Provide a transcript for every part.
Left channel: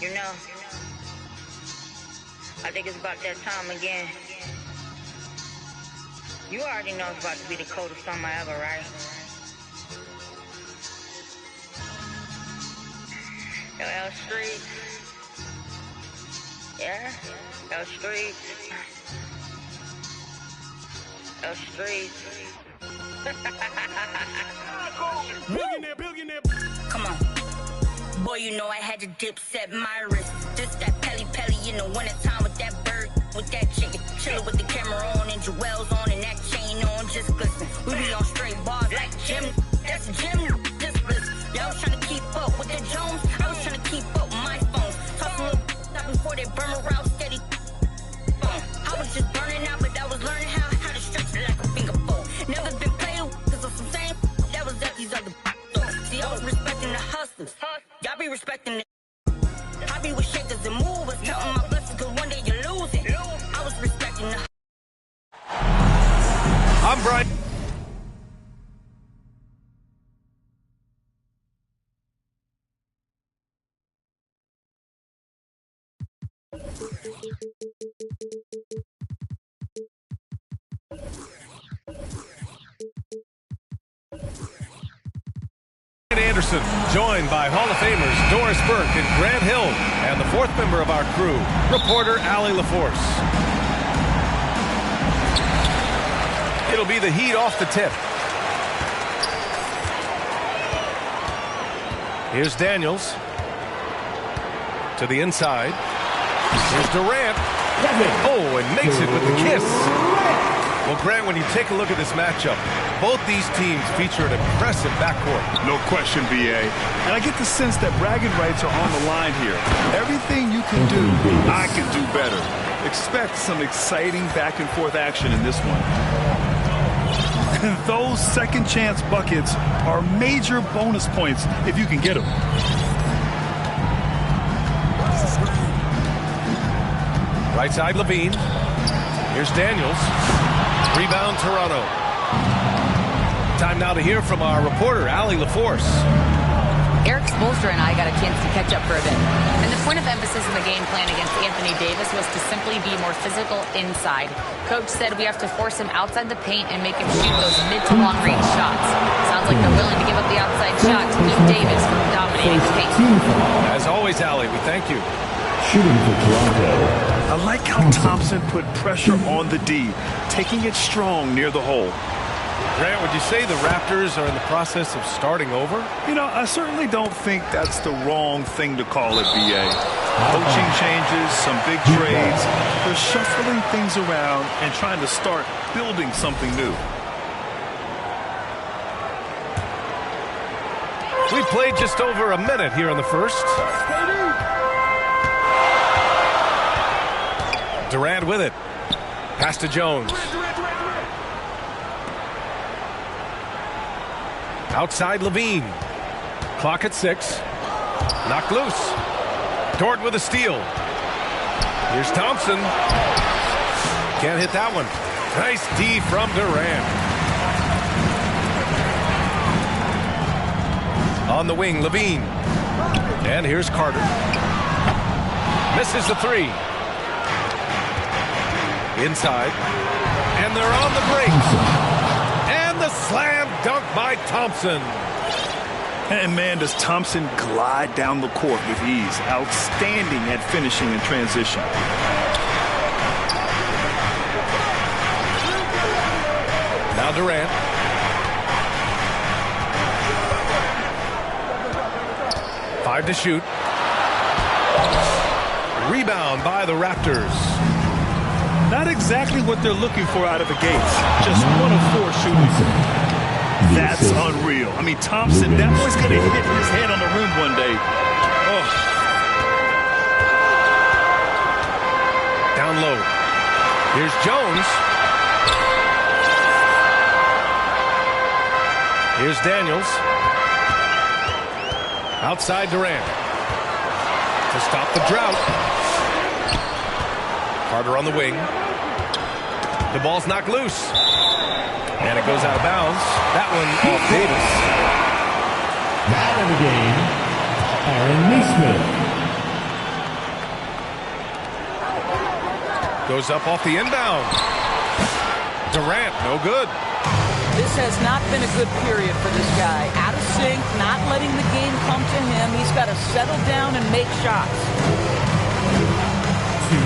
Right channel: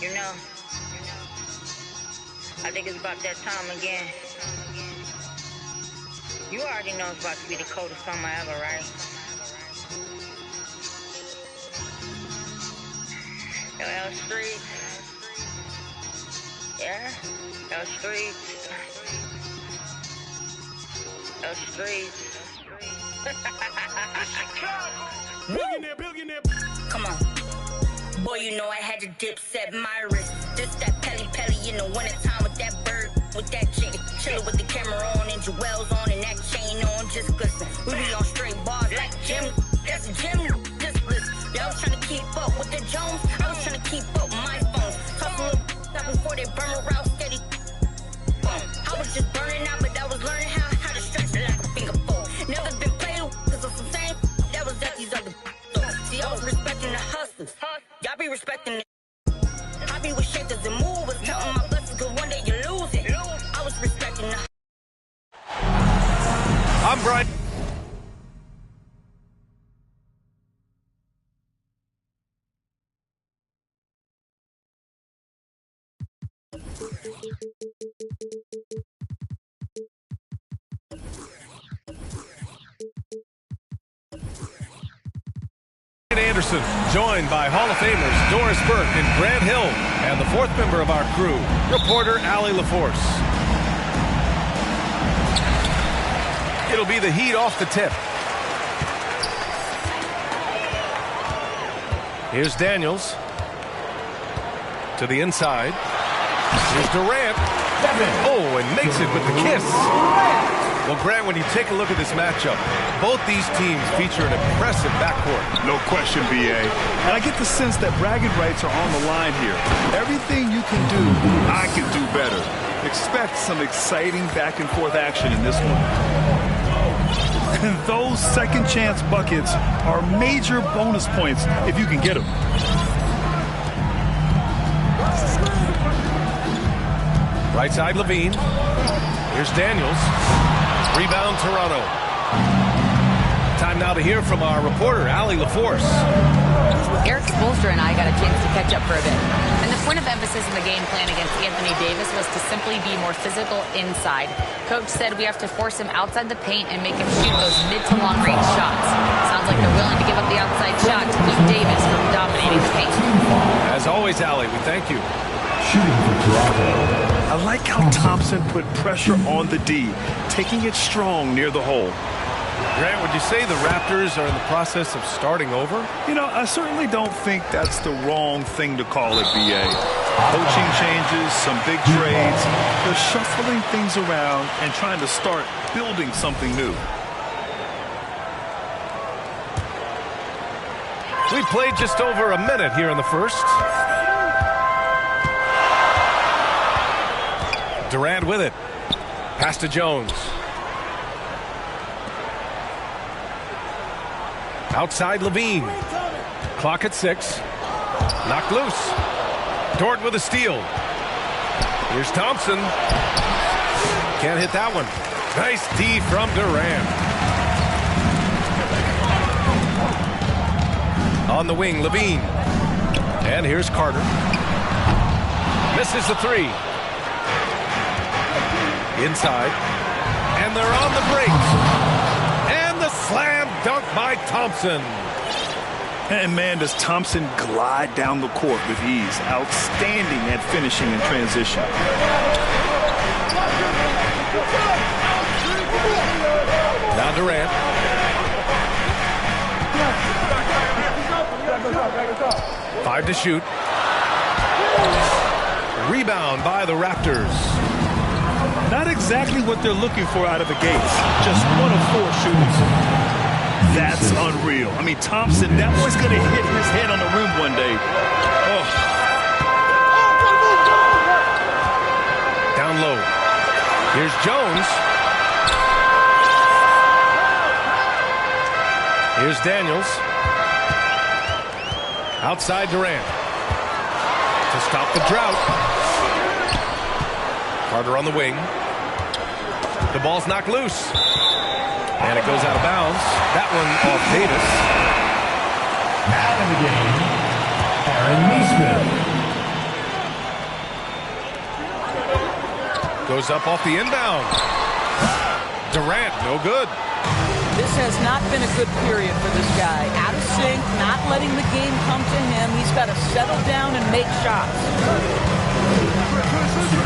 You know, I think it's about that time again. You already know it's about to be the coldest summer ever, right? L Streets. Yeah, L Streets. L Streets. Billionaire. Come on. Boy, you know I had to dip set my wrist. This that Pelly in the wintertime with that bird, with that chicken. Chillin' with the camera on and jewels on and that chain on, just glisten. We be on straight bars like Jim. That's a gym, just listen. Y'all was trying to keep up with the Jones. I was trying to keep up with my phone. Talk a little stop before they burn around steady. I was just burning out, but I was learning how to stretch it like a finger fold. Never been played with, cause of some same that was at these other. See, I was respecting the hustlers. Y'all be respecting it. I be with shakers and movers, counting my blessings, cause one day you lose it. I was respecting the. I'm Brian. Anderson, joined by Hall of Famers Doris Burke and Grant Hill, and the fourth member of our crew, reporter Allie LaForce. It'll be the Heat off the tip. Here's Daniels to the inside. Here's Durant. Oh, and makes it with the kiss. Well, Grant, when you take a look at this matchup, both these teams feature an impressive backcourt. No question, B.A. And I get the sense that bragging rights are on the line here. Everything you can do, I can do better. Expect some exciting back-and-forth action in this one. And those second-chance buckets are major bonus points if you can get them. Right side, Levine. Here's Daniels. Rebound, Toronto. Time now to hear from our reporter, Allie LaForce. Eric Spoelstra and I got a chance to catch up for a bit. And the point of emphasis in the game plan against Anthony Davis was to simply be more physical inside. Coach said we have to force him outside the paint and make him shoot those mid to long range shots. Sounds like they're willing to give up the outside shot to keep Davis from dominating the paint. As always, Allie, we thank you. Shooting for Toronto. I like how Thompson put pressure on the D, taking it strong near the hole. Grant, would you say the Raptors are in the process of starting over? You know, I certainly don't think that's the wrong thing to call it, B.A. Coaching changes, some big trades. They're shuffling things around and trying to start building something new. We played just over a minute here in the first. Durant with it. Pass to Jones. Outside Levine. Clock at 6. Knocked loose. Dort with a steal. Here's Thompson. Can't hit that one. Nice D from Durant. On the wing, Levine. And here's Carter. Misses the three. Inside. And they're on the break. And the slam dunk by Thompson. And man, does Thompson glide down the court with ease. Outstanding at finishing in transition. Now Durant. Five to shoot. Rebound by the Raptors. Not exactly what they're looking for out of the gates. Just 1 of 4 shooting. That's unreal. I mean, Thompson, that boy's going to hit his head on the rim one day. Oh. Down low. Here's Jones. Here's Daniels. Outside Durant. To stop the drought. Carter on the wing. The ball's knocked loose. And it goes out of bounds. That one off Davis. Now in the game, Aaron Nesmith. Goes up off the inbound. Durant, no good. This has not been a good period for this guy. Out of sync, not letting the game come to him. He's got to settle down and make shots.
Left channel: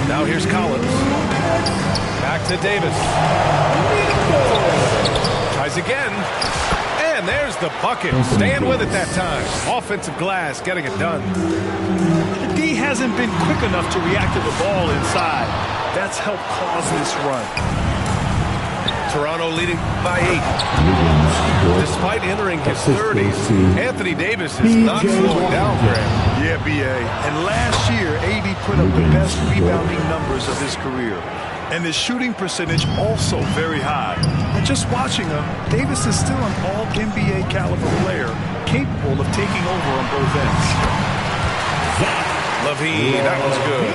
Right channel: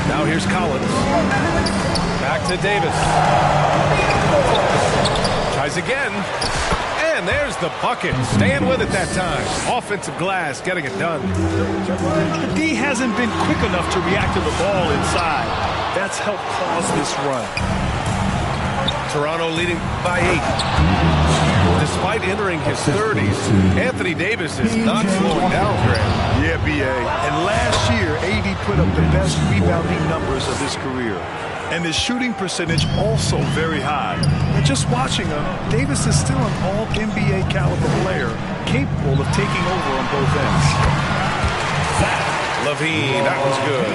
Now here's Collins. Back to Davis. Tries again. And there's the bucket. Staying with it that time. Offensive glass, getting it done. The D hasn't been quick enough to react to the ball inside. That's helped cause this run. Toronto leading by 8. Despite entering his 30s, Anthony Davis is not slowing down, Graham. Yeah, B.A. And last year, AD put up the best rebounding numbers of his career. And his shooting percentage also very high. And just watching him, Davis is still an all-NBA caliber player, capable of taking over on both ends. LaVine, that one's good.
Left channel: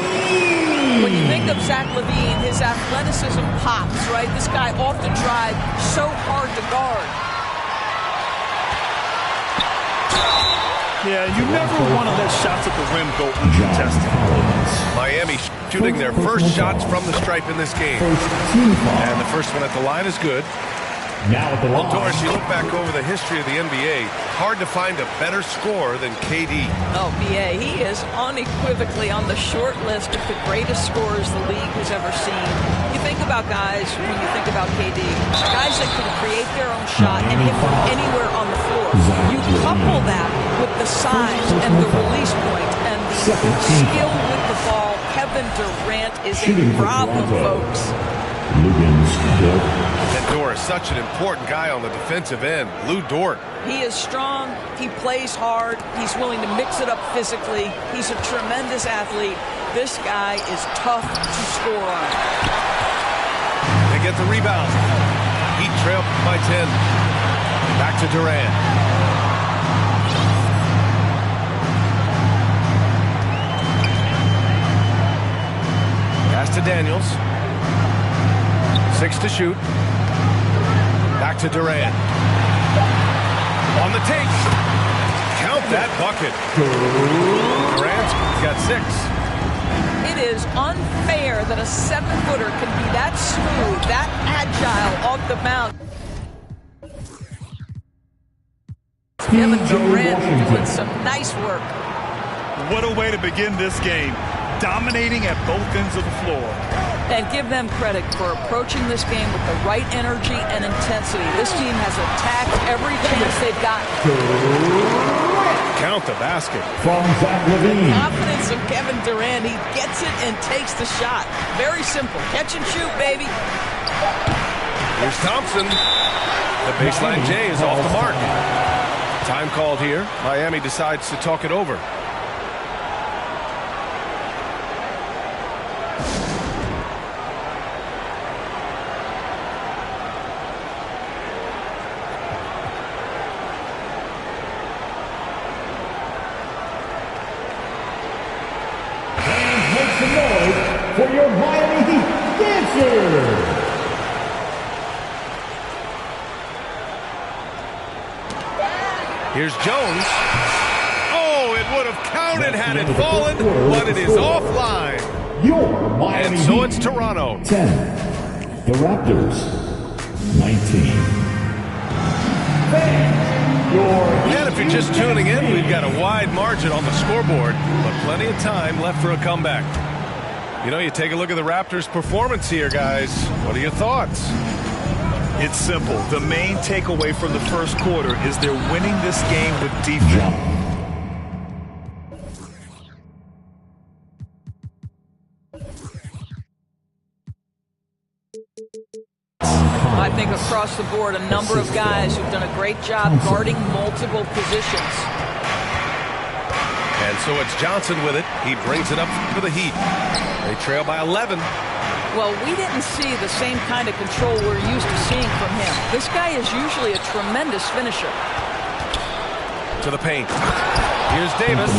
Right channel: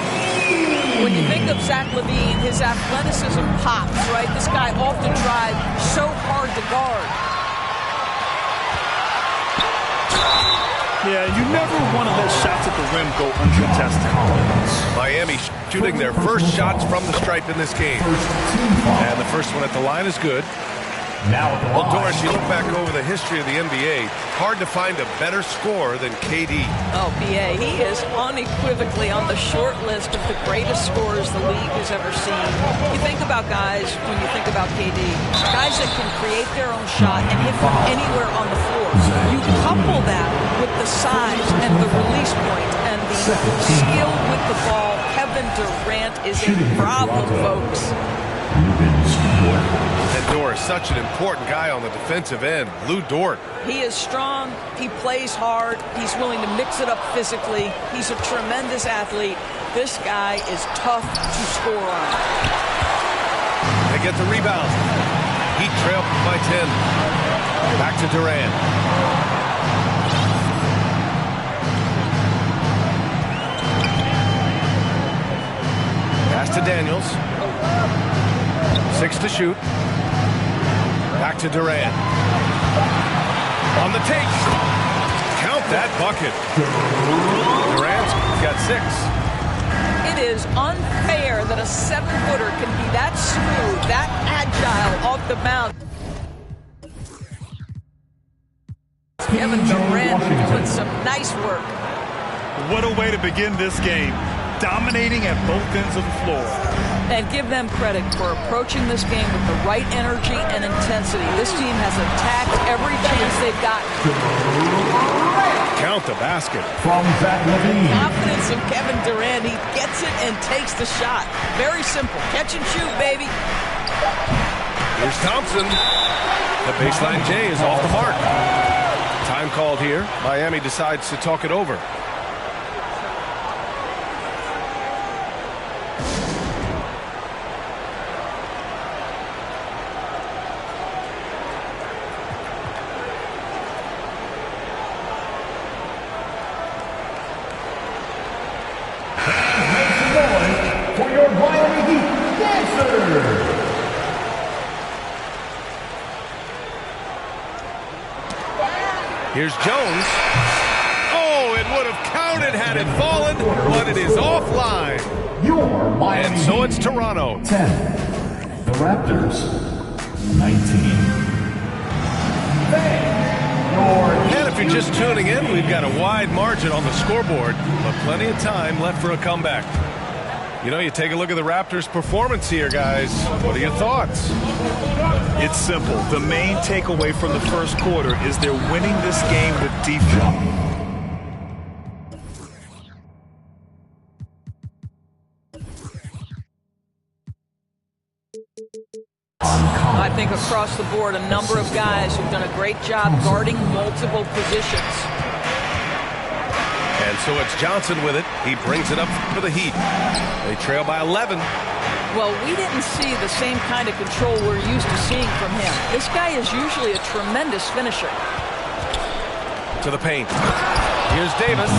When you think of Zach LaVine, his athleticism pops, right? This guy off the drive, so hard to guard. Yeah, you never want to let shots at the rim go uncontested. Miami shooting their first shots from the stripe in this game. And the first one at the line is good. Now at the line. Well, Doris, you look back over the history of the NBA, hard to find a better scorer than KD. Oh, B.A., he is unequivocally on the short list of the greatest scorers the league has ever seen. You think about guys, when you think about KD, guys that can create their own shot and hit from anywhere on the floor. You couple that with the size and the release point and the skill with the ball. Kevin Durant is a problem, folks. And Dort, such an important guy on the defensive end. Lou Dort. He is strong. He plays hard. He's willing to mix it up physically. He's a tremendous athlete. This guy is tough to score on. They get the rebound. Heat trail by 10. Back to Durant. Pass to Daniels. 6 to shoot. Back to Durant. On the take. Count that bucket. Durant's got 6. It is unfair that a 7-footer can be that smooth, that agile off the mound. Kevin Durant doing some nice work. What a way to begin this game. Dominating at both ends of the floor. And give them credit for approaching this game with the right energy and intensity. This team has attacked every chance they've gotten. Count the basket. From Zach LaVine. Confidence of Kevin Durant. He gets it and takes the shot. Very simple. Catch and shoot, baby. Here's Thompson. The baseline J is off the mark. Time called here. Miami decides to talk it over. For your Miami Heat dancers. Here's Jones. Oh, it would have counted had it fallen, but it is offline. Your Miami And so Heat. it's Toronto. 10. The Raptors. 19. And if you're just tuning in, we've got a wide margin on the scoreboard, but plenty of time left for a comeback. You know, you take a look at the Raptors' performance here, guys. What are your thoughts? It's simple. The main takeaway from the first quarter is they're winning this game with defense. I think across the board, a number of guys who've done a great job guarding multiple positions. And so it's Johnson with it. He brings it up for the Heat. They trail by 11. Well, we didn't see the same kind of control we're used to seeing from him. This guy is usually a tremendous finisher. To the paint. Here's Davis.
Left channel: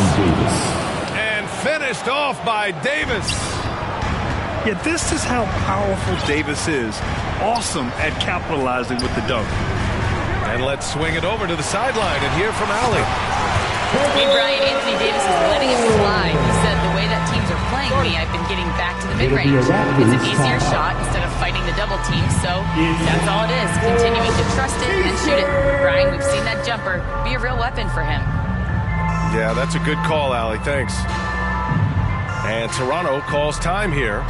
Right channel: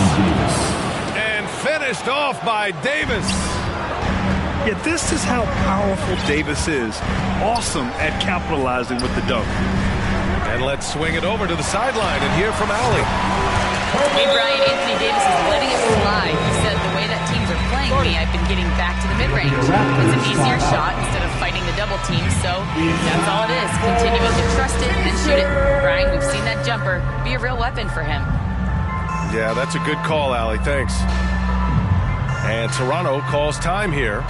And finished off by Davis. Yeah, this is how powerful Davis is. Awesome at capitalizing with the dunk. And let's swing it over to the sideline and hear from Allie. Hey, Brian, Anthony Davis is letting it slide. He said the way that teams are playing me, I've been getting back to the mid-range. It's an easier shot instead of fighting the double team, so that's all it is. Continuing to trust it and shoot it. Brian, we've seen that jumper be a real weapon for him. Yeah, that's a good call, Allie. Thanks. And Toronto calls time here.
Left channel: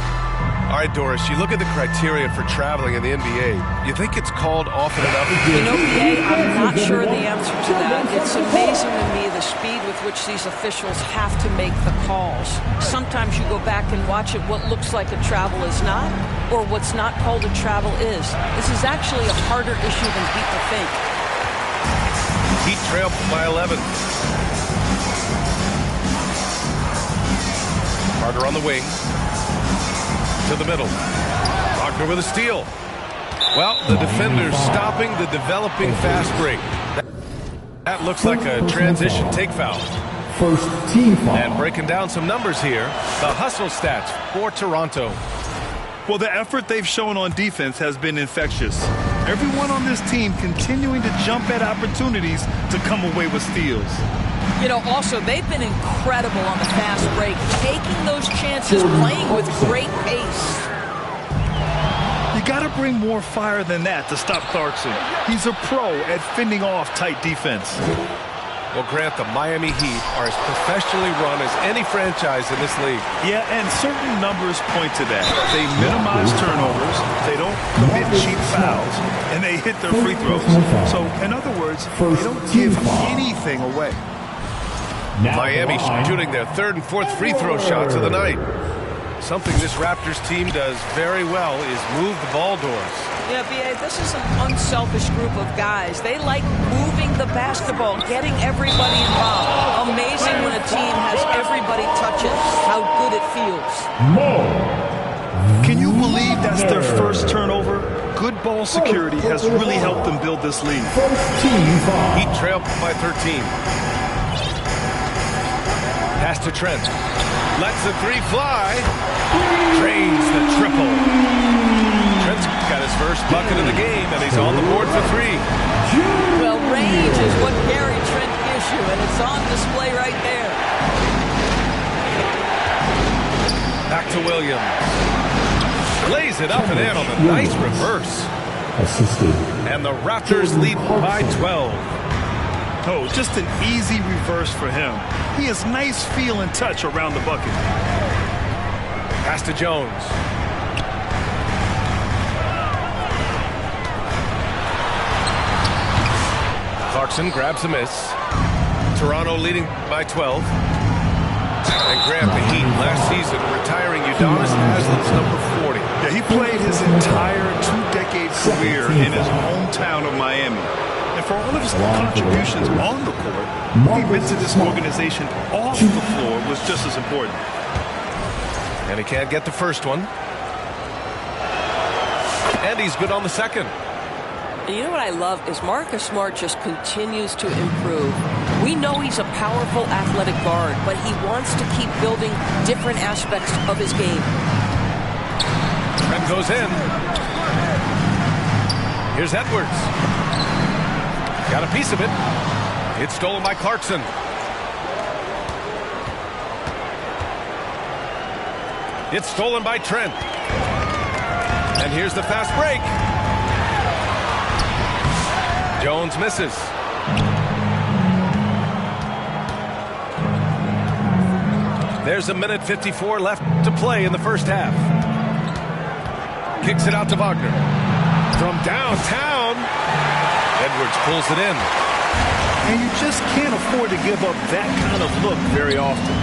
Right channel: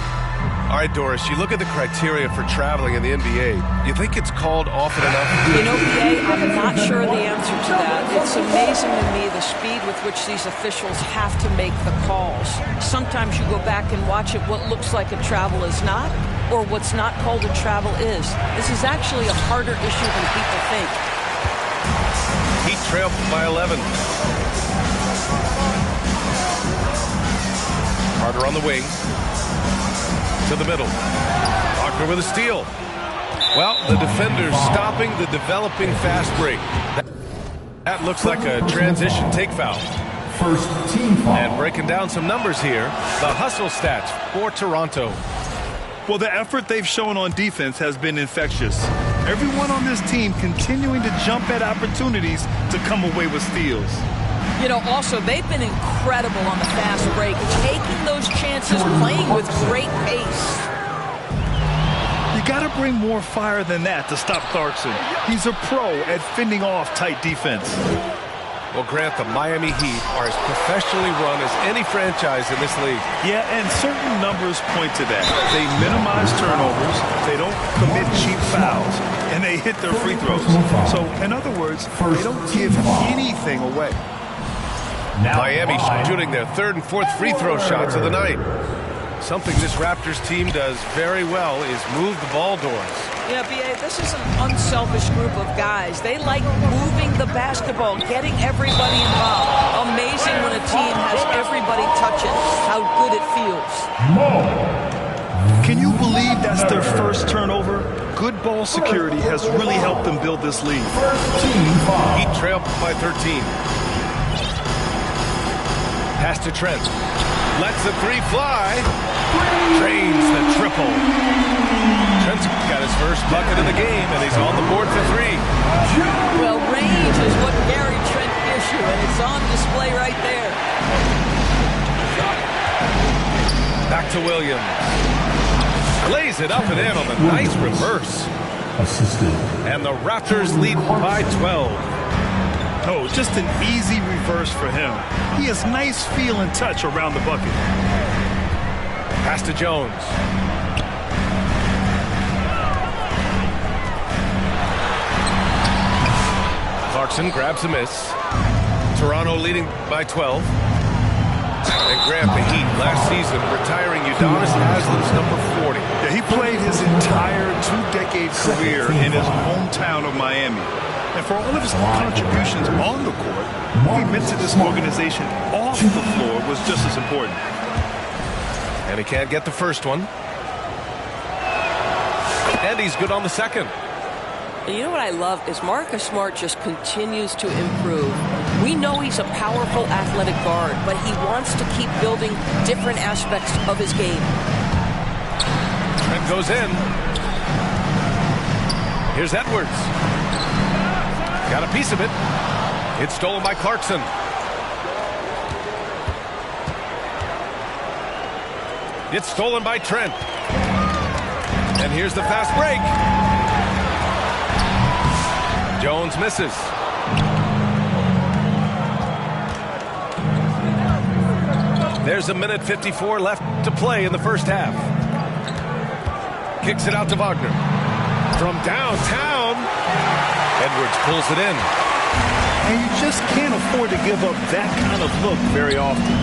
All right, Doris, you look at the criteria for traveling in the NBA. You think it's called often enough? You know, BA, I'm not sure the answer to that. It's amazing to me the speed with which these officials have to make the calls. Sometimes you go back and watch it, what looks like a travel is not, or what's not called a travel is. This is actually a harder issue than people think. Heat trail by 11. Carter on the wing. To the middle. Wagner with a steal. Well, the defender's stopping the developing fast break. That looks like a transition take foul. First team foul. And breaking down some numbers here, the hustle stats for Toronto. Well, the effort they've shown on defense has been infectious. Everyone on this team continuing to jump at opportunities to come away with steals. You know, also, they've been incredible on the fast break, taking those chances, playing with great pace. You got to bring more fire than that to stop Clarkson. He's a pro at fending off tight defense. Well, Grant, the Miami Heat are as professionally run as any franchise in this league. Yeah, and certain numbers point to that. They minimize turnovers, they don't commit cheap fouls, and they hit their free throws. So, in other words, they don't give anything away. Miami shooting their third and fourth free throw shots of the night. Something this Raptors team does very well is move the ball, Doris. Yeah, B.A., this is an unselfish group of guys. They like moving the basketball, getting everybody involved. Amazing when a team has everybody touch it, how good it feels. Can you believe that's their first turnover? Good ball security has really helped them build this lead. Heat trail by 13. Pass to Trent. Lets the three fly. Drains the triple. Trent's got his first bucket of the game, and he's on the board for three. Well, range is what Gary Trent gives you, and it's on display right there. Back to Williams. Lays it up and in on the nice reverse. Assisted. And the Raptors lead by 12. Oh, just an easy reverse for him. He has nice feel and touch around the bucket. Pass to Jones. Clarkson grabs a miss. Toronto leading by 12. And Grant, the Heat last season retiring Udonis Haslem's number 40. Yeah, he played his entire two-decade career in his hometown of Miami. And for all of his contributions on the court, what he meant to this organization off the floor was just as important. And he can't get the first one. And he's good on the second. And you know what I love is Marcus Smart just continues to improve. We know he's a powerful athletic guard, but he wants to keep building different aspects of his game. Trent goes in. Here's Edwards. Got a piece of it. It's stolen by Clarkson. It's stolen by Trent. And here's the fast break. Jones misses. There's a minute 54 left to play in the first half. Kicks it out to Wagner. From downtown. Edwards pulls it in. And you just can't afford to give up that kind of look very often.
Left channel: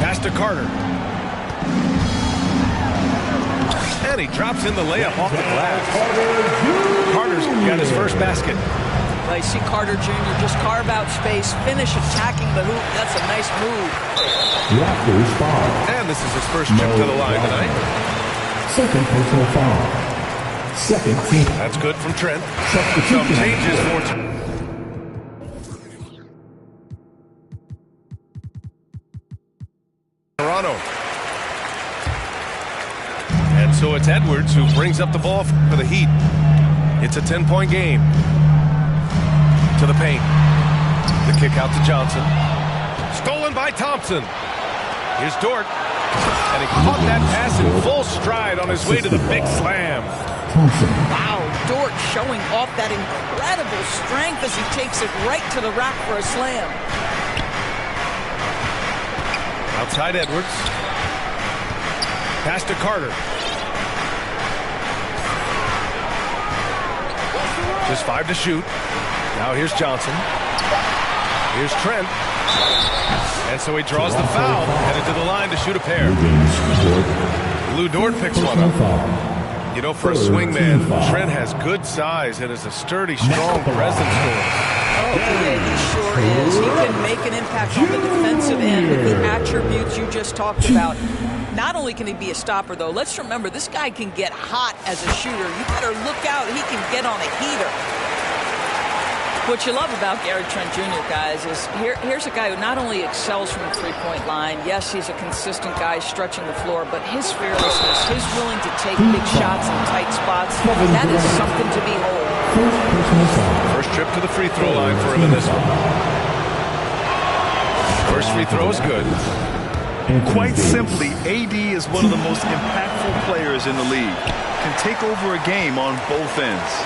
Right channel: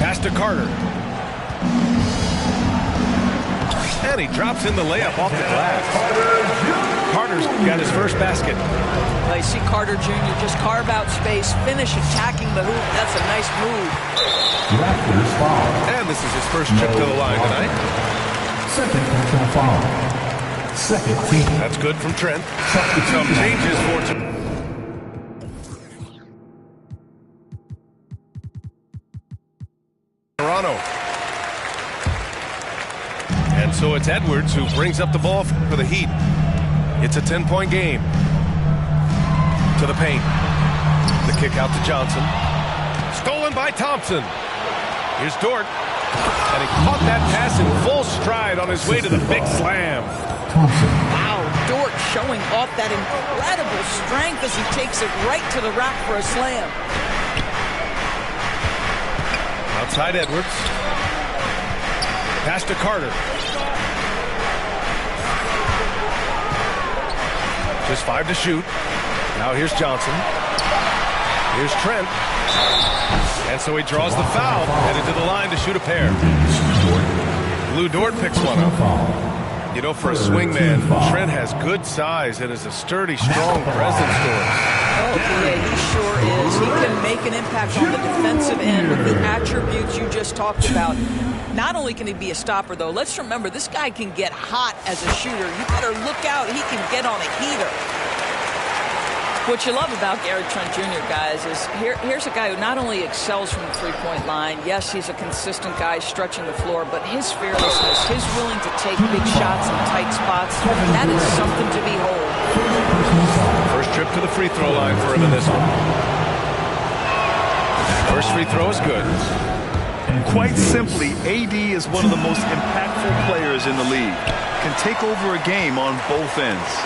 Pass to Carter. And he drops in the layup off the glass. Carter's got his first basket. Well, you see Carter Jr. just carve out space, finish attacking the hoop. That's a nice move. Raptors foul. And this is his first trip to the line tonight. Second personal foul. Second team. That's good from Trent. Some changes for Toronto. And so it's Edwards who brings up the ball for the Heat. It's a 10-point game. To the paint. The kick out to Johnson. Stolen by Thompson. Here's Dort. And he caught that pass in full stride on his way to the big slam. Thompson. Wow, Dort showing off that incredible strength as he takes it right to the rack for a slam. Outside Edwards. Pass to Carter. Just 5 to shoot. Now here's Johnson. Here's Trent. And so he draws the foul, headed to the line to shoot a pair. Lou Dort picks one up. You know, for a swingman, Trent has good size and is a sturdy, strong presence for him. Oh, yeah, he sure is. He can make an impact on the defensive end with the attributes you just talked about. Not only can he be a stopper, though, let's remember, this guy can get hot as a shooter. You better look out. He can get on a heater. What you love about Gary Trent Jr., guys, is here's a guy who not only excels from the three-point line. Yes, he's a consistent guy stretching the floor, but his fearlessness, his willing to take big shots in tight spots, that is something to behold. First trip to the free throw line for him in this one. First free throw is good. Quite simply, AD is one of the most impactful players in the league. Can take over a game on both ends.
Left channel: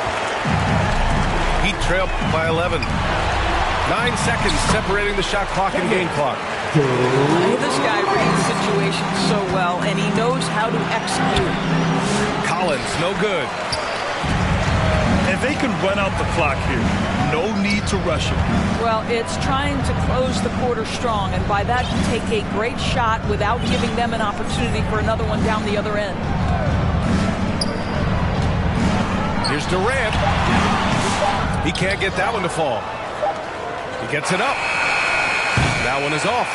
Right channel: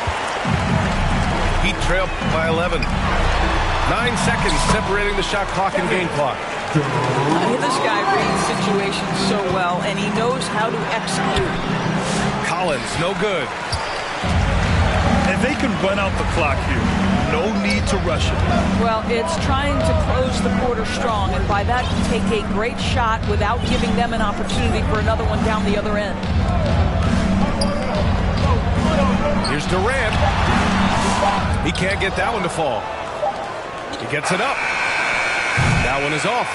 Heat trail by 11. 9 seconds separating the shot clock and game clock. This guy reads situations so well, and he knows how to execute. Collins, no good. And they can run out the clock here. No need to rush it. Well, it's trying to close the quarter strong, and by that, take a great shot without giving them an opportunity for another one down the other end. Here's Durant. He can't get that one to fall. He gets it up. That one is off.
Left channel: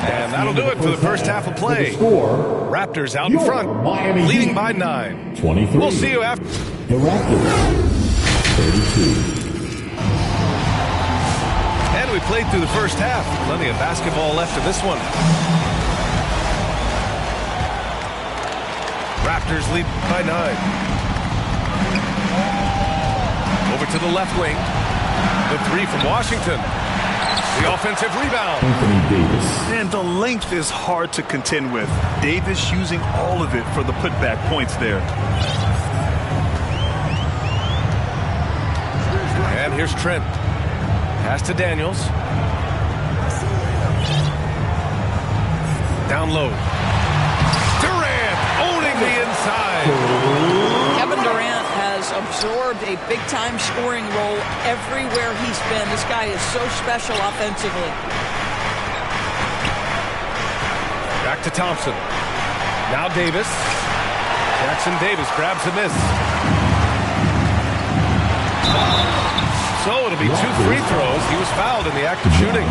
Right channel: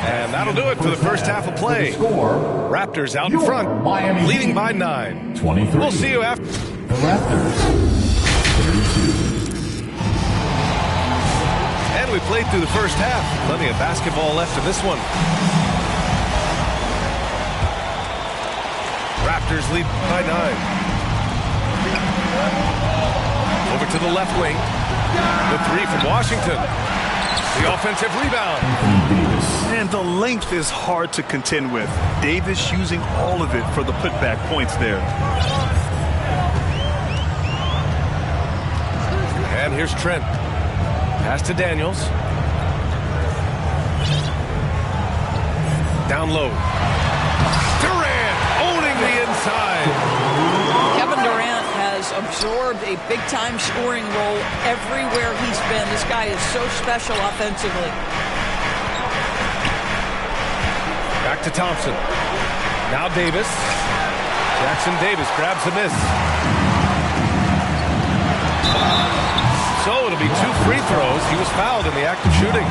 And that'll do it for the first half of play. Raptors out in front, leading by 9. 23. We'll see you after. The Raptors, 32. And we played through the first half. Plenty of basketball left in this one. Raptors lead by 9. Over to the left wing. The three from Washington. The offensive rebound. Anthony Davis. And the length is hard to contend with. Davis using all of it for the putback points there. And here's Trent. Pass to Daniels. Down low. Durant owning the inside. Kevin Durant has absorbed a big-time scoring role everywhere he's been. This guy is so special offensively. Back to Thompson. Now Davis. Jackson Davis grabs a miss. So it'll be 2 free throws. He was fouled in the act of shooting.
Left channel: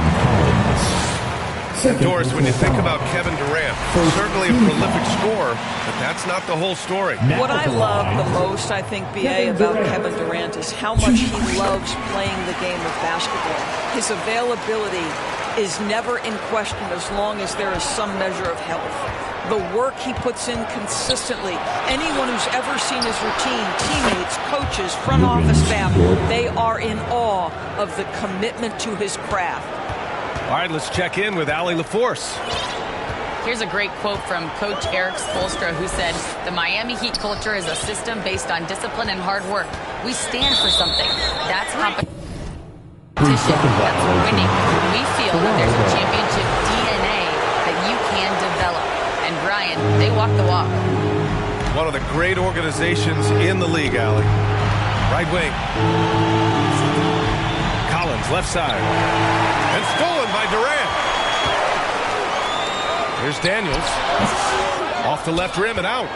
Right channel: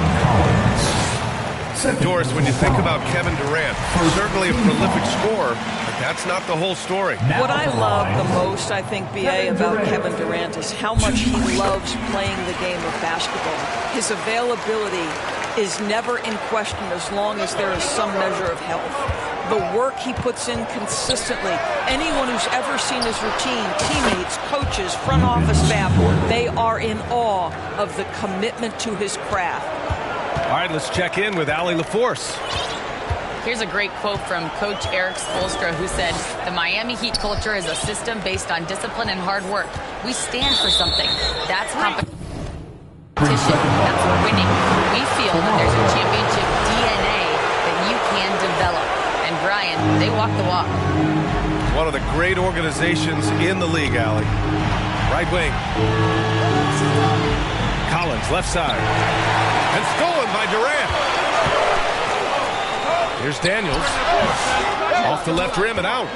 And Doris, when you think about Kevin Durant, certainly a prolific scorer, but that's not the whole story. What I love the most, I think, B.A., about Kevin Durant is how much he loves playing the game of basketball. His availability is never in question as long as there is some measure of health. The work he puts in consistently. Anyone who's ever seen his routine, teammates, coaches, front office staff, they are in awe of the commitment to his craft. All right, let's check in with Allie LaForce. Here's a great quote from Coach Eric Spoelstra, who said, "The Miami Heat culture is a system based on discipline and hard work. We stand for something. That's competition. That's winning. We feel that there's a championship DNA that you can develop." And Brian, they walk the walk. One of the great organizations in the league, Allie. Right wing. Collins, left side. And stolen by Durant. Here's Daniels. Off the left rim and out.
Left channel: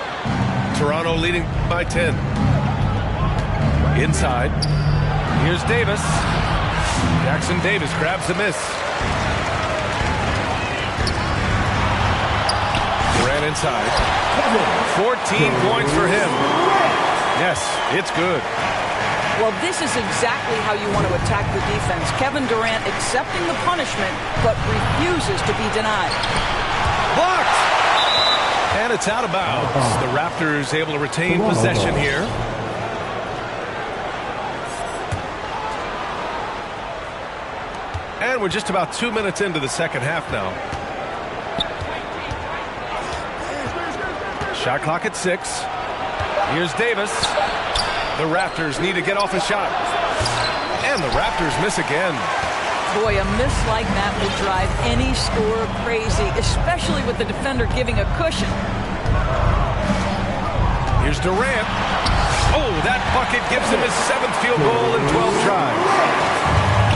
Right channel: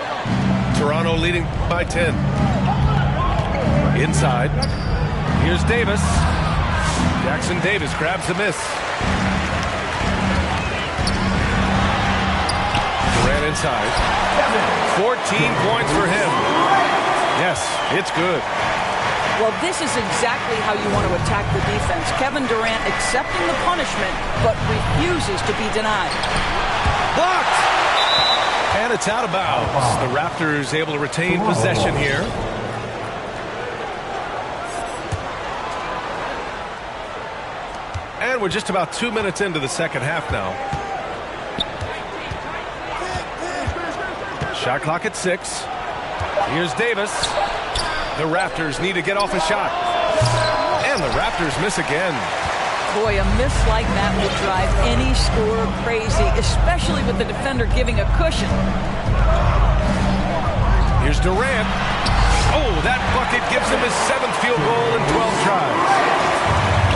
Toronto leading by 10. Inside. Here's Davis. Jackson Davis grabs a miss. Durant inside. 14 points for him. Yes, it's good. Well, this is exactly how you want to attack the defense. Kevin Durant accepting the punishment, but refuses to be denied. Blocked! And it's out of bounds. The Raptors able to retain possession here. And we're just about 2 minutes into the second half now. Shot clock at 6. Here's Davis. The Raptors need to get off a shot. And the Raptors miss again. Boy, a miss like that will drive any scorer crazy, especially with the defender giving a cushion. Here's Durant. Oh, that bucket gives him his 7th field goal in 12 tries.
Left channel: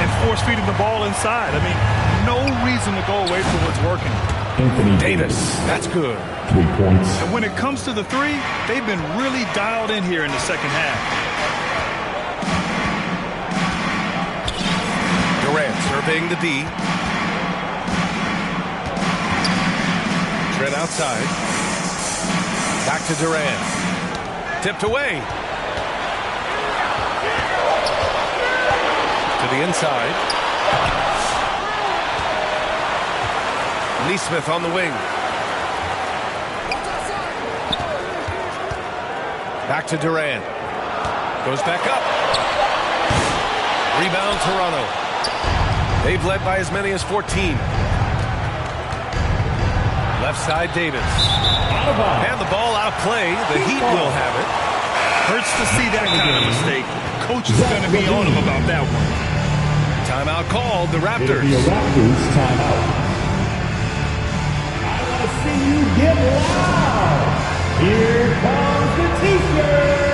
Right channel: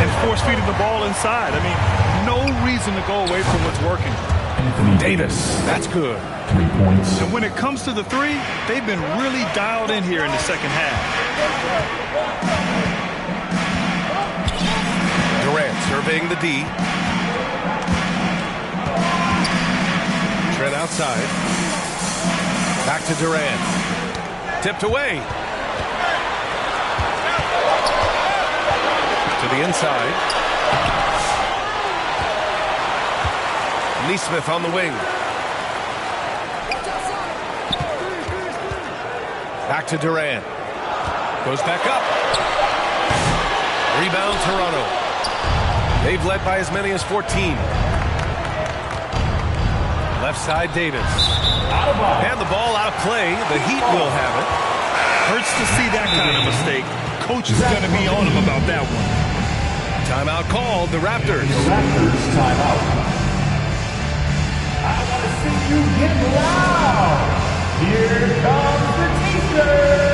And force-feeding the ball inside. I mean, no reason to go away from what's working. Anthony Davis, that's good. 3 points. And when it comes to the three, they've been really dialed in here in the second half. Durant surveying the D. Trent outside. Back to Durant. Tipped away. To the inside. Nesmith on the wing. Back to Durant. Goes back up. Rebound Toronto. They've led by as many as 14. Left side Davis. And the ball out of play. The Heat will have it. Hurts to see that kind of mistake. Coach is going to be on him about that one. Timeout called. The Raptors. The Raptors timeout. I want to see you get loud. Here comes the T-shirt.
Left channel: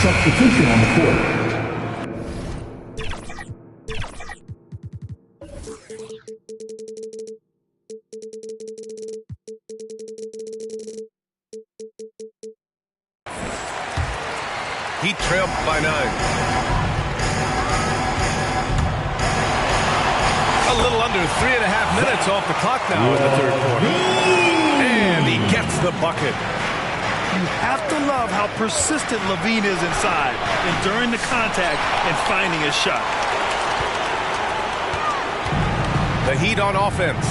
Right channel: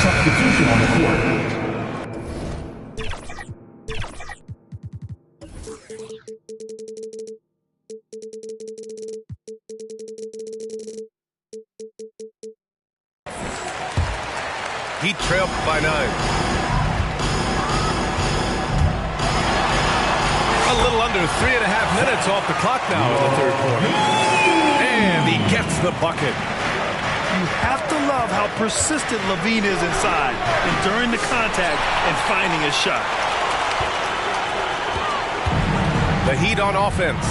Substitution on the court. Heat trail by 9. A little under 3.5 minutes off the clock now in the third quarter. And he gets the bucket. You have to love how persistent Levine is inside, enduring the contact and finding his shot. The Heat on offense.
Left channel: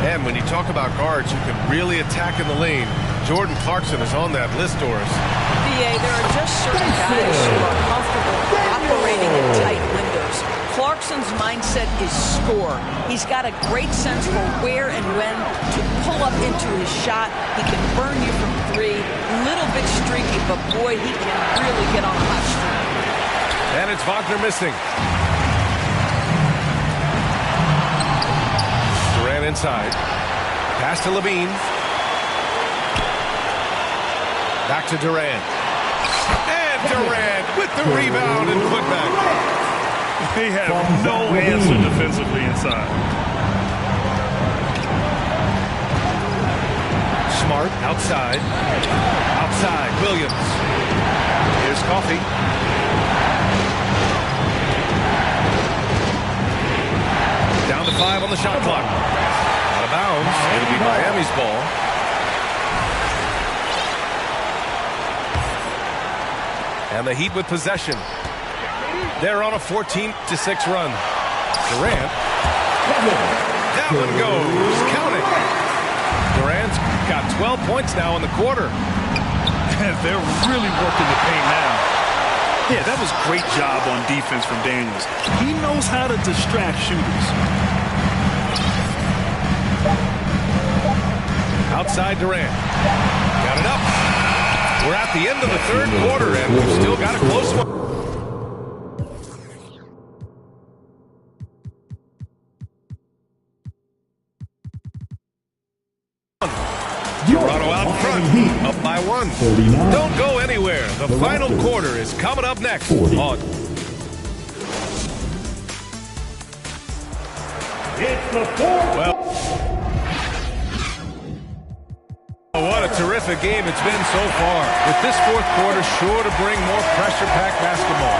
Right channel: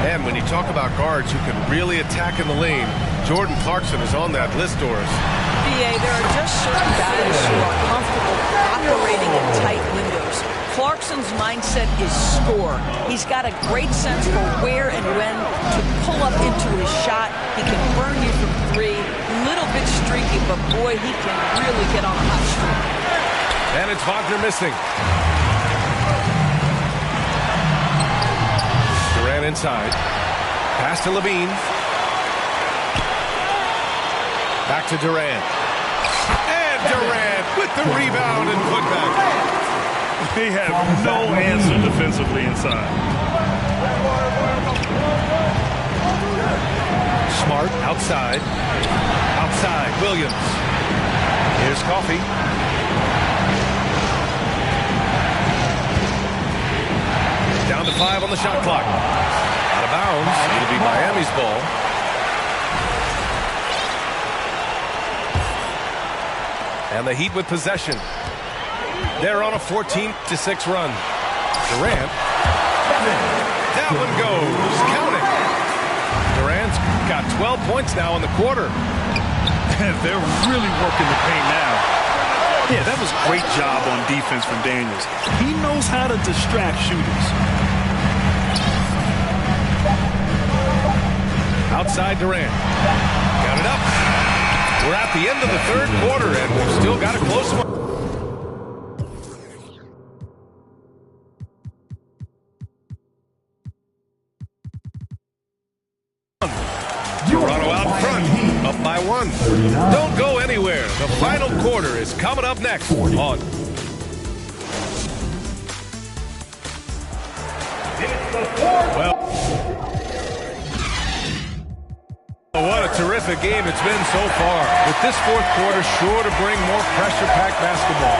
And when you talk about guards who can really attack in the lane, Jordan Clarkson is on that list, Doris. BA, there are just certain guys who are comfortable operating in tight windows. Clarkson's mindset is score. He's got a great sense for where and when to pull up into his shot. He can burn you from 3. Little bit streaky, but boy, he can really get on a hot streak. And it's Wagner missing. Durant inside. Pass to Levine. Back to Durant. And Durant with the rebound and putback. They have no answer defensively inside. Smart outside. Outside, Williams. Here's Coffey. Down to 5 on the shot clock. Out of bounds. It'll be Miami's ball. And the Heat with possession. They're on a 14-6 run. Durant. That one goes. Count it. Durant's got 12 points now in the quarter. They're really working the paint now. Yeah, that was a great job on defense from Daniels. He knows how to distract shooters. Outside Durant. Got it up. We're at the end of the third quarter, and we've still got a close one. Toronto out in front, up by 1. Don't go anywhere. The final quarter is coming up next on. Well, what a terrific game it's been so far. With this fourth quarter sure to bring more pressure-packed basketball.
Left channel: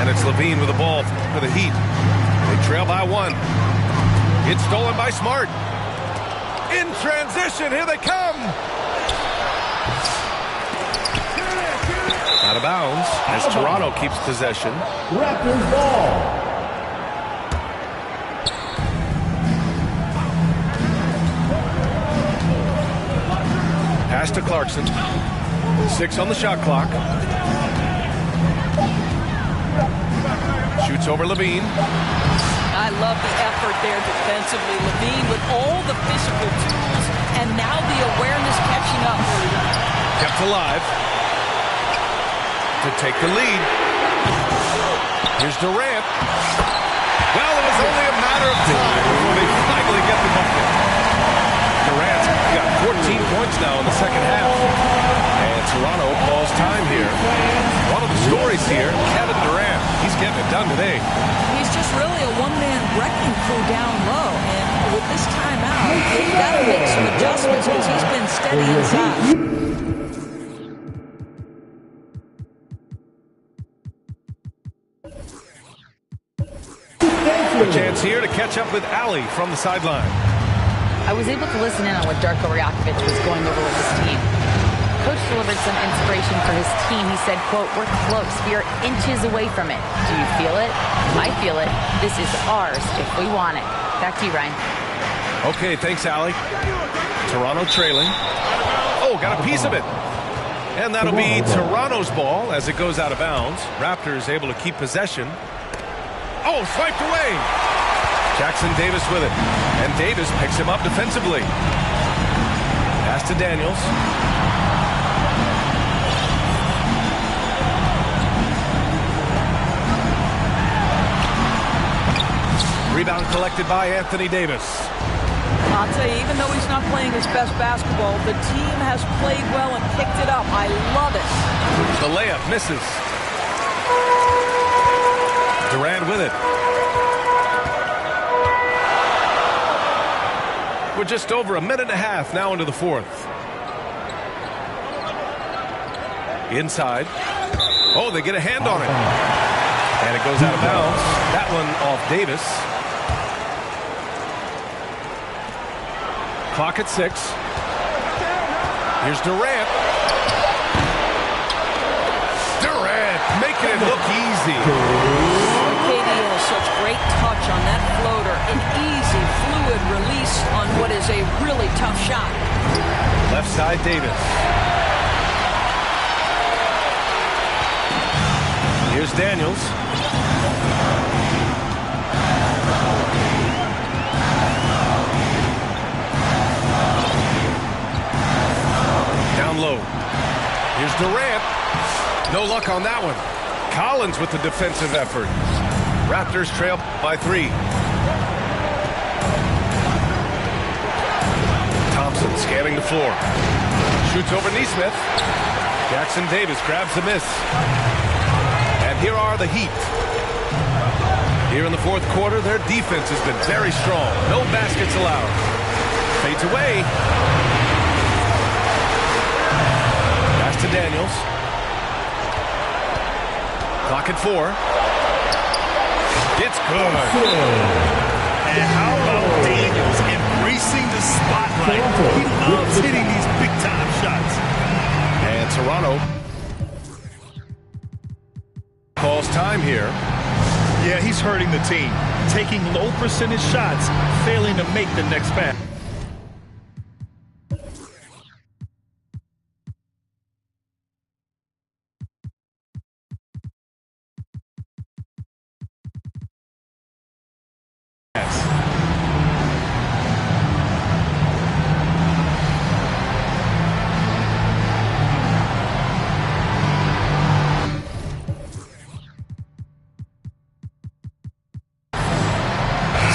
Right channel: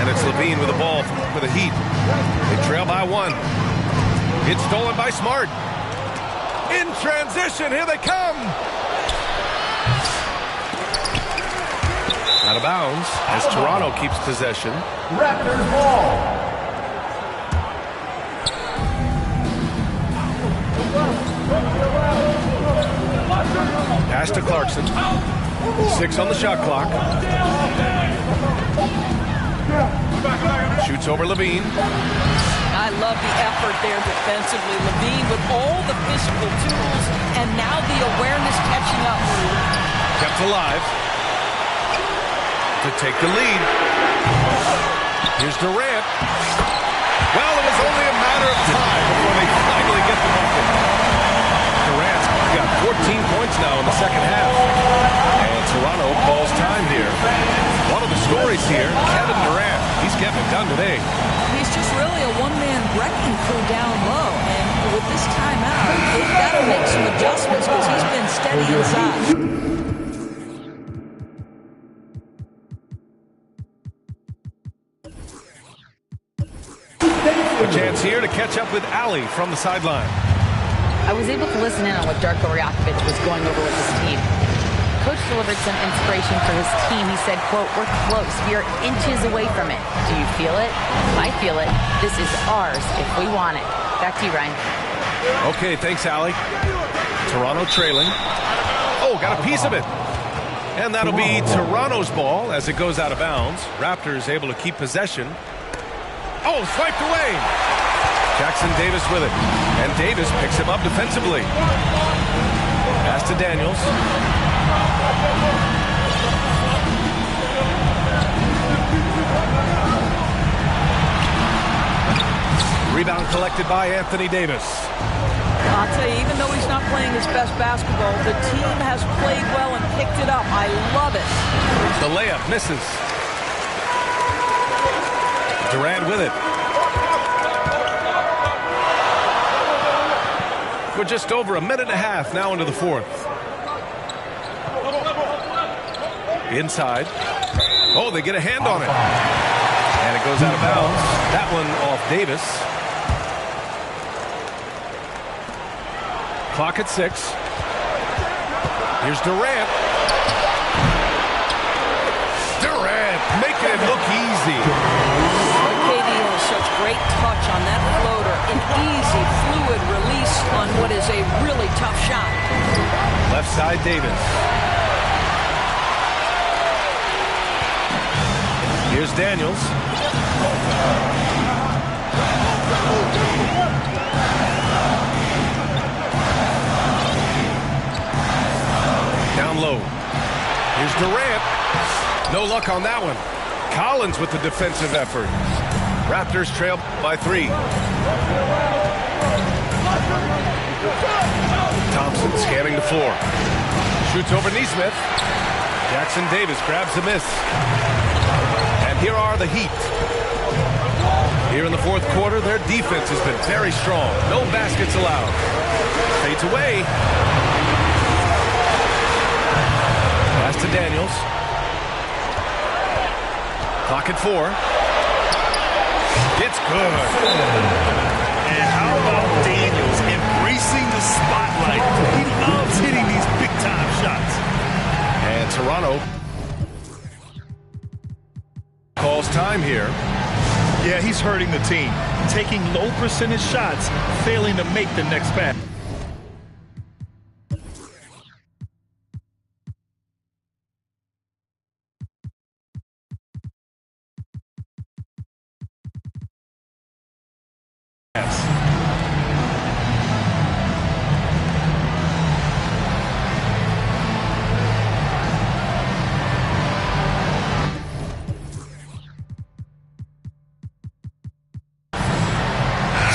And it's Levine with the ball for the Heat. They trail by 1. It's stolen by Smart. In transition, here they come. Out of bounds as Toronto keeps possession. Raptors ball. Pass to Clarkson. 6 on the shot clock. Shoots over Levine. I love the effort there defensively. Levine with all the physical tools and now the awareness catching up. Kept alive to take the lead. Here's Durant. Well, it was only a matter of time before they finally get the bucket. Durant's got 14 points now in the second half. And Toronto calls time here. One of the stories here, Kevin Durant. He's getting it done today. He's just really a one-man wrecking crew down low. And with this timeout, they've got to make some adjustments because he's been steady inside. A chance here to catch up with Ali from the sideline. I was able to listen in on what Darko Rajakovic was going over with his team. Coach delivered some inspiration for his team. He said, quote, "We're close. We are inches away from it. Do you feel it? I feel it. This is ours if we want it." Back to you, Ryan. Okay, thanks, Ali. Toronto trailing. Oh, got a piece of it. And that'll be Toronto's ball as it goes out of bounds. Raptors able to keep possession. Oh, swiped away. Jackson Davis with it. And Davis picks him up defensively. Pass to Daniels. Rebound collected by Anthony Davis. I'll tell you, even though he's not playing his best basketball, the team has played well and picked it up. I love it. The layup misses. Durant with it. We're just over a minute and a half now into the fourth. Inside. Oh, they get a hand on it. And it goes out of bounds. That one off Davis. Clock at 6. Here's Durant. Durant making it look easy. KD has such great touch on that floater. An easy, fluid release on what is a really tough shot. Left side, Davis. Here's Daniels. Down low. Here's Durant. No luck on that one. Collins with the defensive effort. Raptors trail by 3. Thompson scanning the floor. Shoots over Nesmith. Jackson Davis grabs the miss. And here are the Heat. Here in the fourth quarter, their defense has been very strong. No baskets allowed. Fades away. Pass to Daniels. Clock at 4. It's good. And how about Daniels embracing the spotlight? He loves hitting these big-time shots. And Toronto calls time here. Yeah, he's hurting the team. Taking low percentage shots, failing to make the next pass.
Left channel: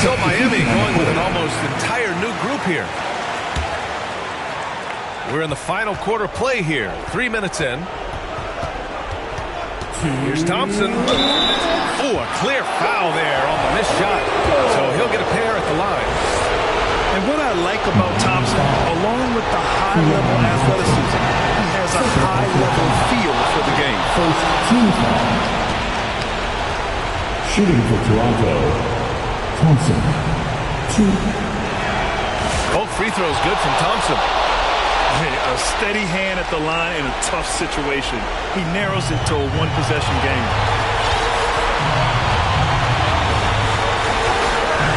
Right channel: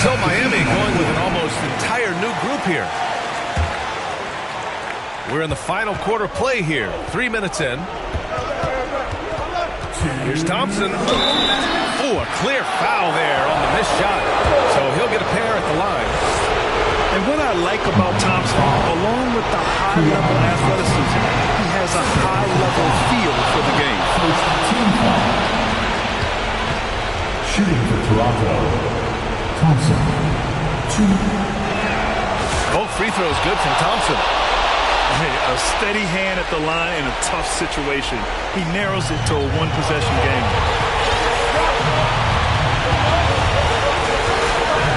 So Miami going with an almost entire new group here. We're in the final quarter play here. 3 minutes in. Here's Thompson. Oh, a clear foul there on the missed shot. So he'll get a pair at the line. And what I like about Thompson, along with the high-level athleticism, he has a high-level feel for the game. First team foul. Shooting for Toronto, Thompson. 2. Both free throws good from Thompson. Hey, a steady hand at the line in a tough situation. He narrows it to a one-possession game.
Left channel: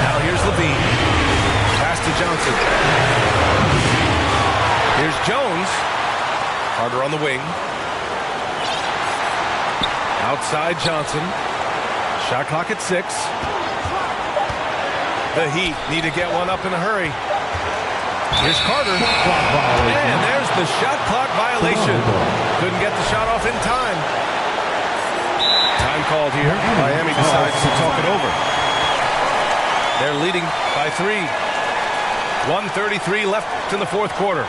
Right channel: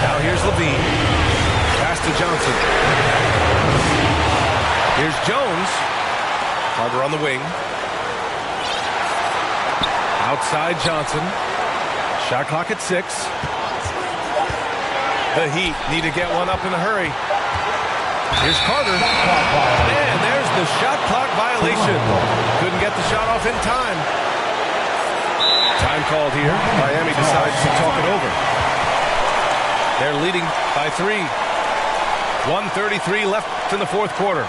Now here's Levine. Pass to Johnson. Here's Jones. Carter on the wing. Outside Johnson. Shot clock at 6. The Heat need to get one up in a hurry. Here's Carter. And there's the shot clock violation. Couldn't get the shot off in time. Time called here. Miami decides to talk it over. They're leading by 3. 1:33 left in the fourth quarter.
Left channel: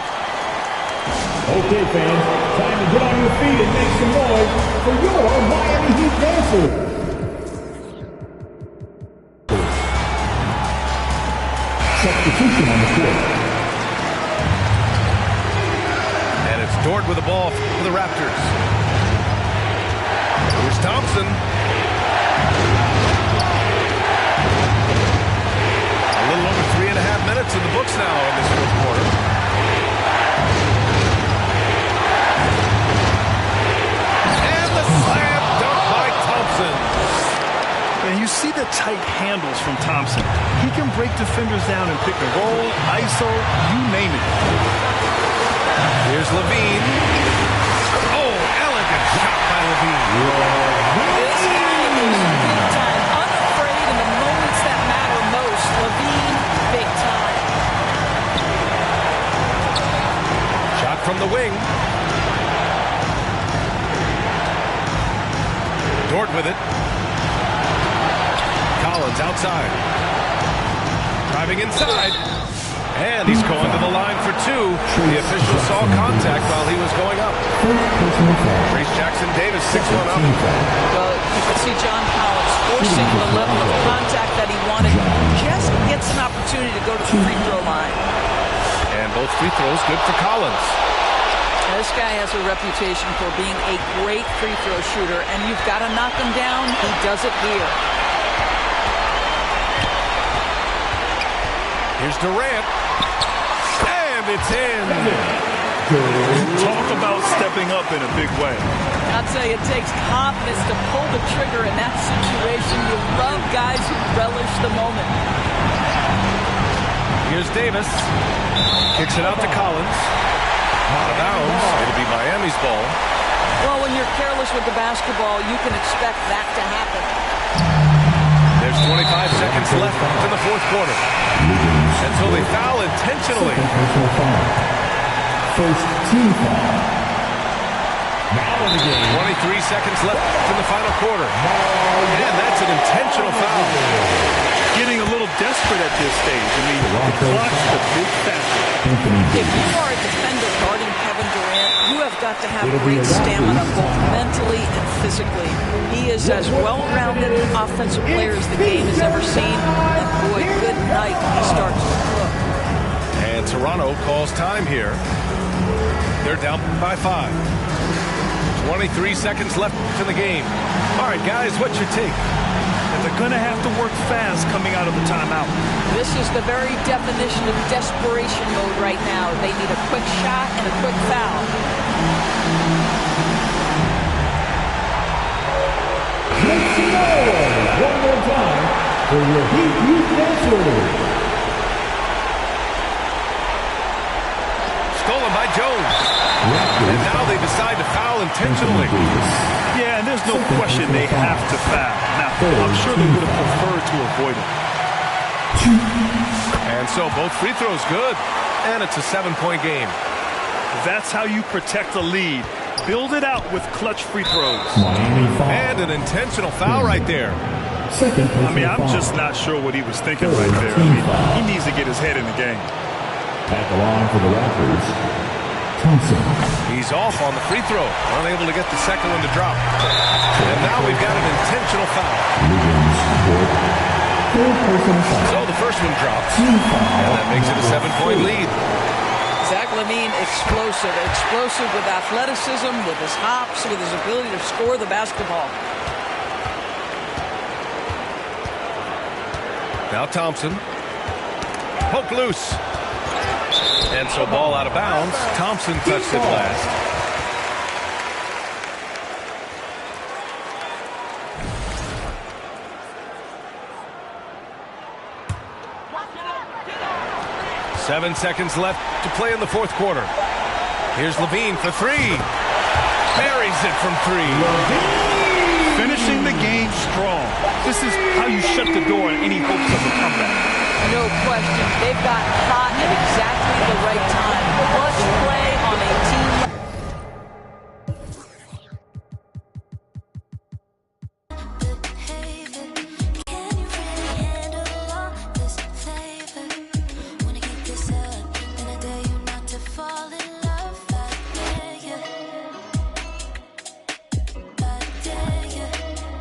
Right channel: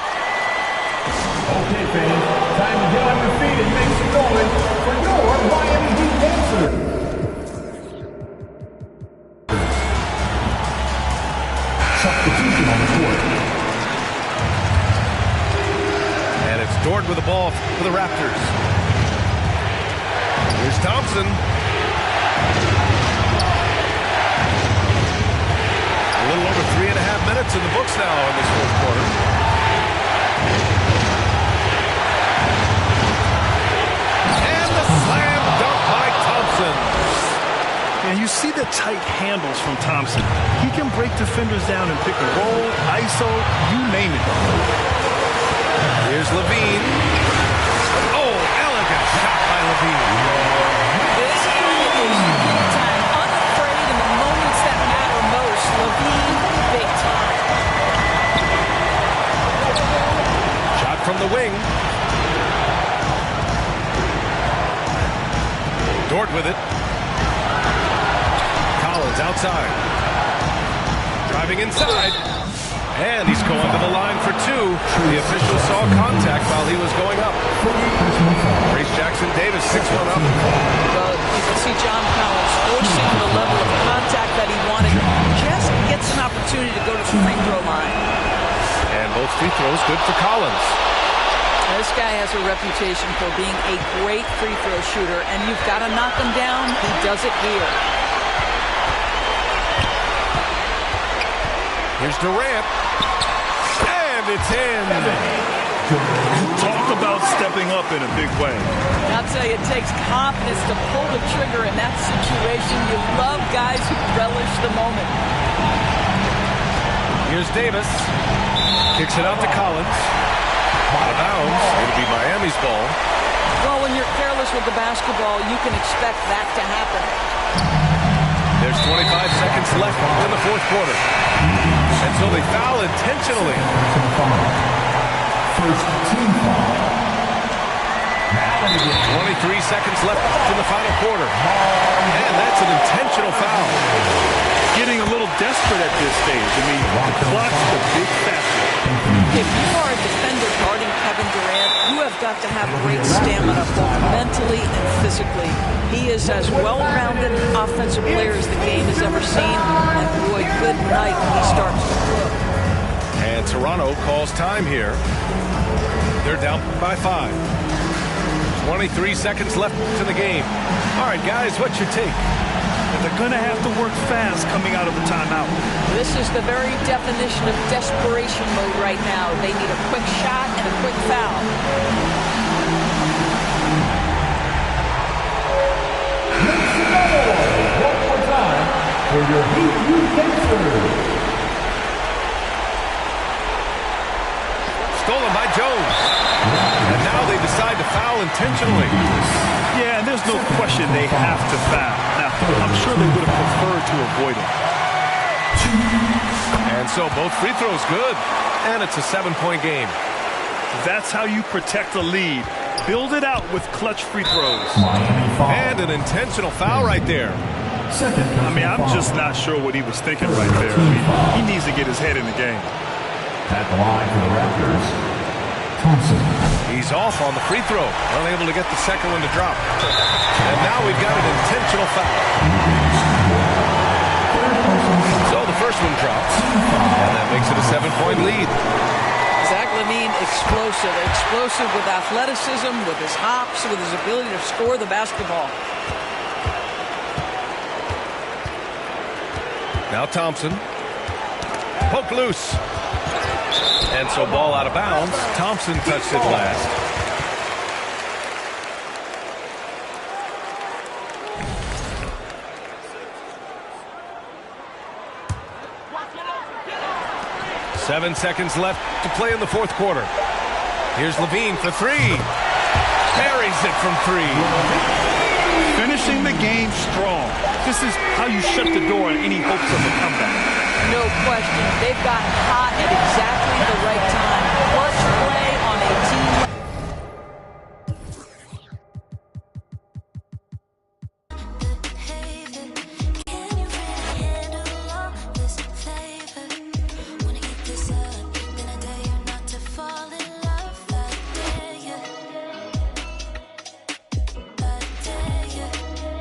Okay, fans, time to get on your feet and make some noise for your Miami Heat dancers. Substitution on the court. And it's Dort with the ball for the Raptors. Here's Thompson. A little over 3.5 minutes in the books now in this fourth quarter. And the slam dunk by Thompson. And you see the tight handles from Thompson. He can break defenders down and pick and roll, ISO, you name it. Here's Levine. Oh, elegant shot by Levine. This guy is big time, unafraid in the moments that matter most. Levine, big time. Shot from the wing. Dort with it. Collins outside. Driving inside. And he's going to the line for 2. The official saw contact while he was going up. Reese Jackson-Davis 6-1 up. Well, you can see John Collins forcing the level of contact that he wanted. Just gets an opportunity to go to the free throw line. And both free throws good for Collins. This guy has a reputation for being a great free throw shooter, and you've got to knock him down. He does it here. Here's Durant. And it's in. Talk about stepping up in a big way. I'll tell you, it takes confidence to pull the trigger in that situation. You love guys who relish the moment. Here's Davis. Kicks it out to Collins. Out of bounds. It'll be Miami's ball. Well, when you're careless with the basketball, you can expect that to happen. There's 25 seconds left in the fourth quarter. And so they foul intentionally. First team foul. Now in the game. 23 seconds left in the final quarter. And that's an intentional foul. Getting a little desperate at this stage. I mean, the clock's the big factor. If you are a defender guarding Kevin Durant, you have got to have great stamina, both mentally and physically. He is as well-rounded offensive player as the game has ever seen. And boy, good night when he starts to cook. And Toronto calls time here. They're down by 5. 23 seconds left in the game. All right, guys, what's your take? And they're going to have to work fast coming out of the timeout. This is the very definition of desperation mode right now. They need a quick shot and a quick foul. Make some noise one more time for your Heat Youth dancers. Stolen by Jones. And now they decide to foul intentionally. Yeah, and there's no question they have to foul. Now, I'm sure they would have preferred to avoid it. And so both free throws good. And it's a 7-point game. That's how you protect a lead. Build it out with clutch free throws. And an intentional foul right there. I mean, I'm just not sure what he was thinking right there. I mean, he needs to get his head in the game. At the line for the Raptors, Thompson. He's off on the free throw. Unable to get the second one to drop. And now we've got an intentional foul. So the first one drops. And that makes it a 7-point lead. Zach LaVine, explosive. Explosive with athleticism, with his hops, with his ability to score the basketball. Now Thompson. Poke loose. And so ball out of bounds. Thompson touched it last. Seven seconds left to play in the fourth quarter. Here's Levine for three. Buries it from three. Finishing the game strong. This is how you shut the door on any hopes of a comeback. No question. They've got hot at exactly the right time. Clutch